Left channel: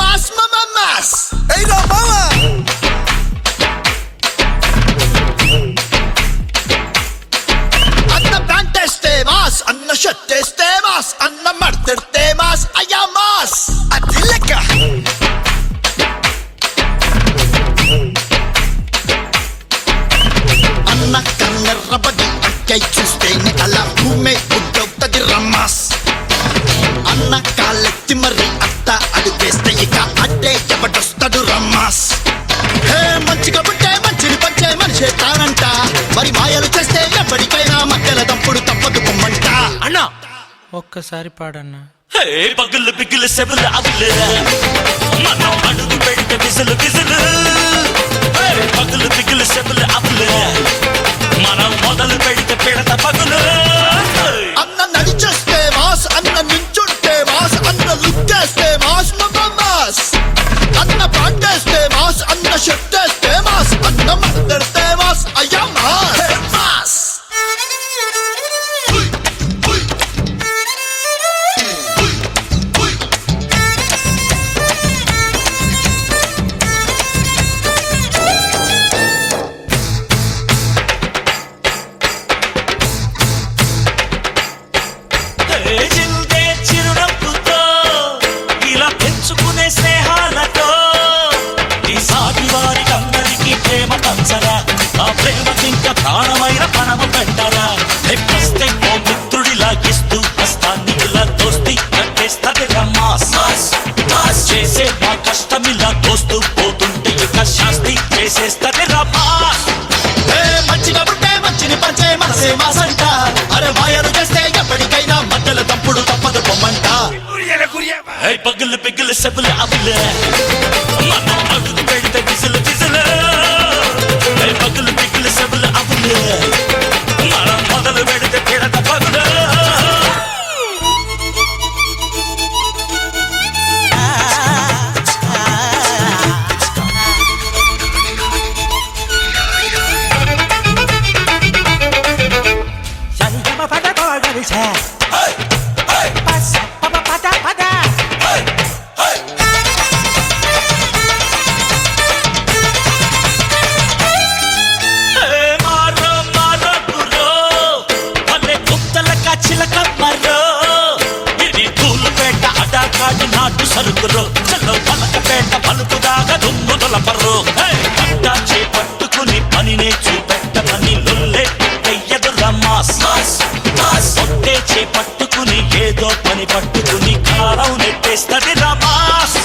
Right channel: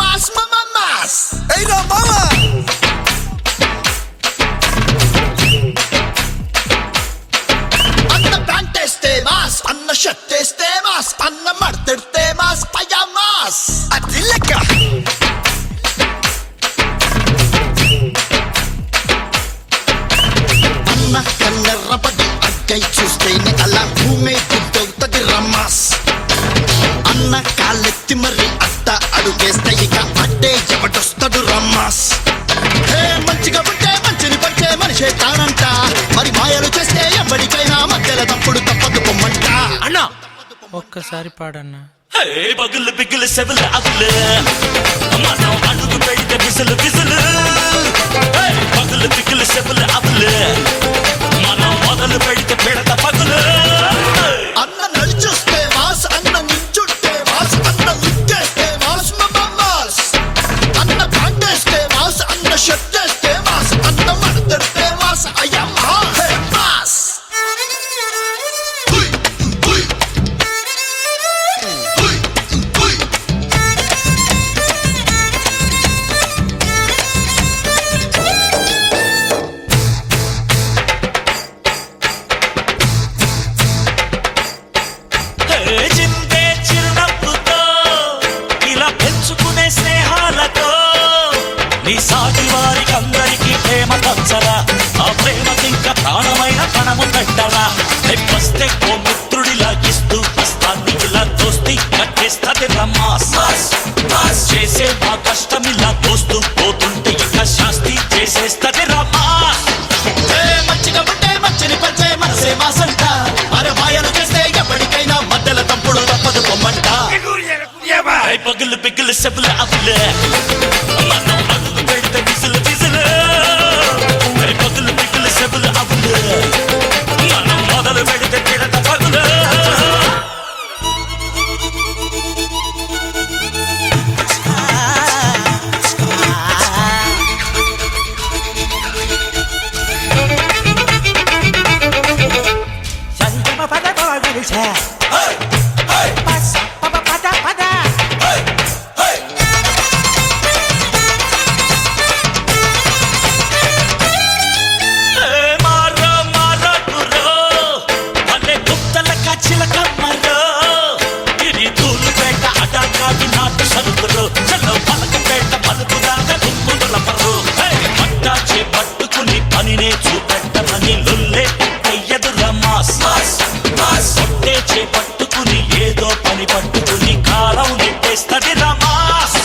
Mass మామా mass. ఏయ్ రా మావా అన్న ప్యాంట్ వేస్తే మాస్, అన్న షర్ట్ వేస్తే మాస్, అన్న మడతెడితే మాస్, అయ్యా మాస్. అది లెక్క అన్న కన్నెర్రబడి అక్కై చూస్తేనే అలా భూమే గుడ్డవుతది రమ్మాస్. అన్న కాళ్ళెత్తి మరి అట్ట అడుగేస్తే ఇక అడ్డే ఎవడొస్తాడు రమ్మాస్. హే మంచిగా పుట్టే మంచిని పచ్చే మనిషే తానంట, మరి మాయలు చేస్తే ఎప్పటికైనా మధ్యల తప్పుడు తప్పదు పొమ్మంట. అన్నా ఒక్కసారి పాడన్నా. పగులు బిగులు సెబులు అవులు మనం అడుగు పెడితే బిజులు బిజులు. పగులు బిగులు సెబులు అవులు మనం మొదలు పెడితే పిడత పగులు. అన్న నడిచొస్తే మాస్, అన్న నించుంటే మాస్, అన్న లుక్కేస్తే మాస్ మామా మాస్. అన్న ప్యాంట్ వేస్తే మాస్, అన్న షర్ట్ వేస్తే మాస్, అన్న మడతెడితే మాస్, అయ్యా మాస్. హే మాస్. హుయ్, హుయ్. హుయ్, హుయ్. జిల్దే చిరునవ్వుతో ఇలా పెంచుకునే స్నేహాలతో నీ సాటి వారికి అందరికీ ప్రేమ పంచరా. ఆ ప్రేమకింకా ప్రాణమైన పణము పెట్టరా. వస్తే ఓ మిత్రుడిలా ఇస్తూ హస్తాన్ని ఇలా దోస్తి కట్టేస్తది రమ్మాస్. చేసే మా కష్టం ఇలా దోస్తూ పోతుంటే ఇక శాస్తి చేసేస్తది రమ్మాస్. మంచిగా ఉంటే మంచిని పంచే మనసే మాసంట, అరే మాయలు చేస్తే ఎప్పటికైనా మధ్యలో తప్పుడు తప్పదు పొమ్మంట. పగులు పిగులు సెబులు అవులు మనం అడుగు పెడితే బిజులు బిజులు. పగులు పిగులు సెబులు అవులు మనం మొదలు పెడితే పిడత పగులు. సంగమ పద పగలిసా పస పద పద పద. మారో మారో గురో భలే గుప్తల కచ్చిల కమ్మరో. ఇది తూలుపేట అడాకాడి నాటు సరుకురు. చలో పలకపేట పలుపు దాకా దుమ్ము దొలపరు. పట్టా చేపట్టుకుని పనినే చూపెట్టమని లొల్లే ఎయ్యదు రమ్మాస్. పొట్టే చేపట్టుకుని ఏదో పని పట్టుకుని కారం నెట్టేస్తది రమాస్.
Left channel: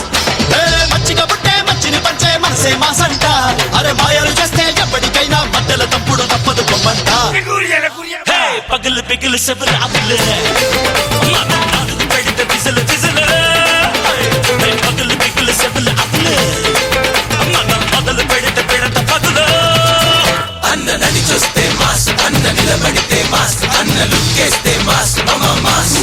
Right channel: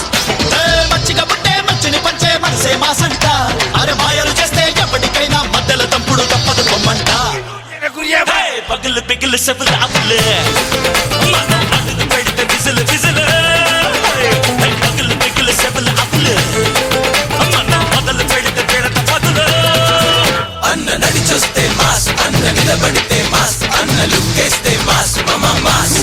మంచిగా పుట్టే మంచిని పంచే మనసే మాసంట, అరే మాయలు చేస్తే ఎప్పటికైనా మధ్యలో తప్పుడు తప్పదు పొమ్మంట. పగులు పిగులు సెబులు అవులు మనం అడుగు పెడితే బిజులు బిజులు. పగులు పిగులు సెబులు అవులు మనం మొదలు పెడితే పిడత పగులు. అన్న నడి చూస్తే మాస్, అన్న నిలబడితే మాస్, అన్న లుక్కేస్తే మాస్ మామా మాస్.